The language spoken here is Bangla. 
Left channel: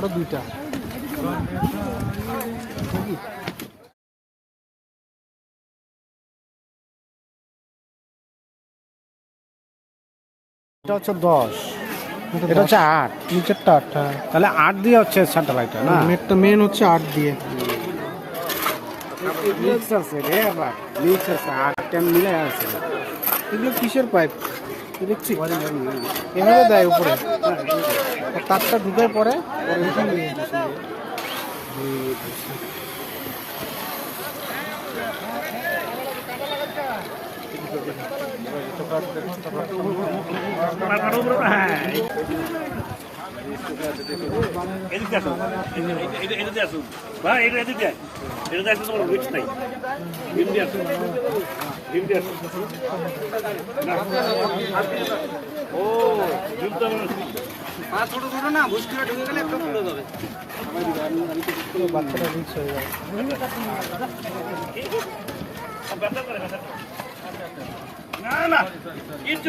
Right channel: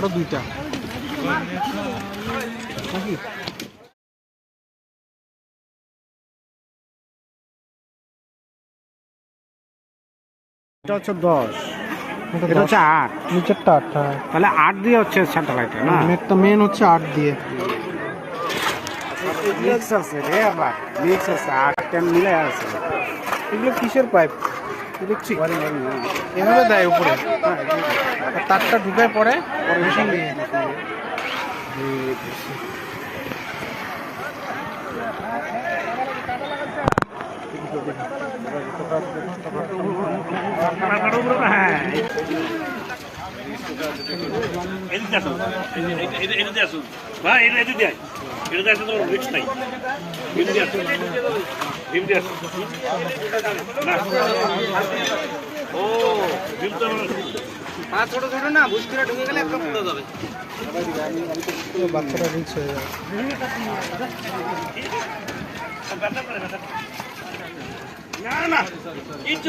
আরও দুইটা। এটা হচ্ছে দশ। এটা হচ্ছে আট। নিচেরটা আট হ্যাঁ। তাহলে আট দিয়ে হচ্ছে স্যাটেলাইটটা না? মেটটা মেন হচ্ছে আট দিয়ে। মিক্স আছে রে আবার। মিক্স আছে আট টেন মিলে আছে। এগুলো কিসের পাইপ দেখছি। এভাবে দেয় উপরে। তারটা ঢুকায় পরে দিয়ে এদিকে আসুন এদিকে আসুন ভাই এটা এদিকে। এদিকে আসলে তোমার রিক্স নাই এদিকে না। হয়ে যায় না না ইট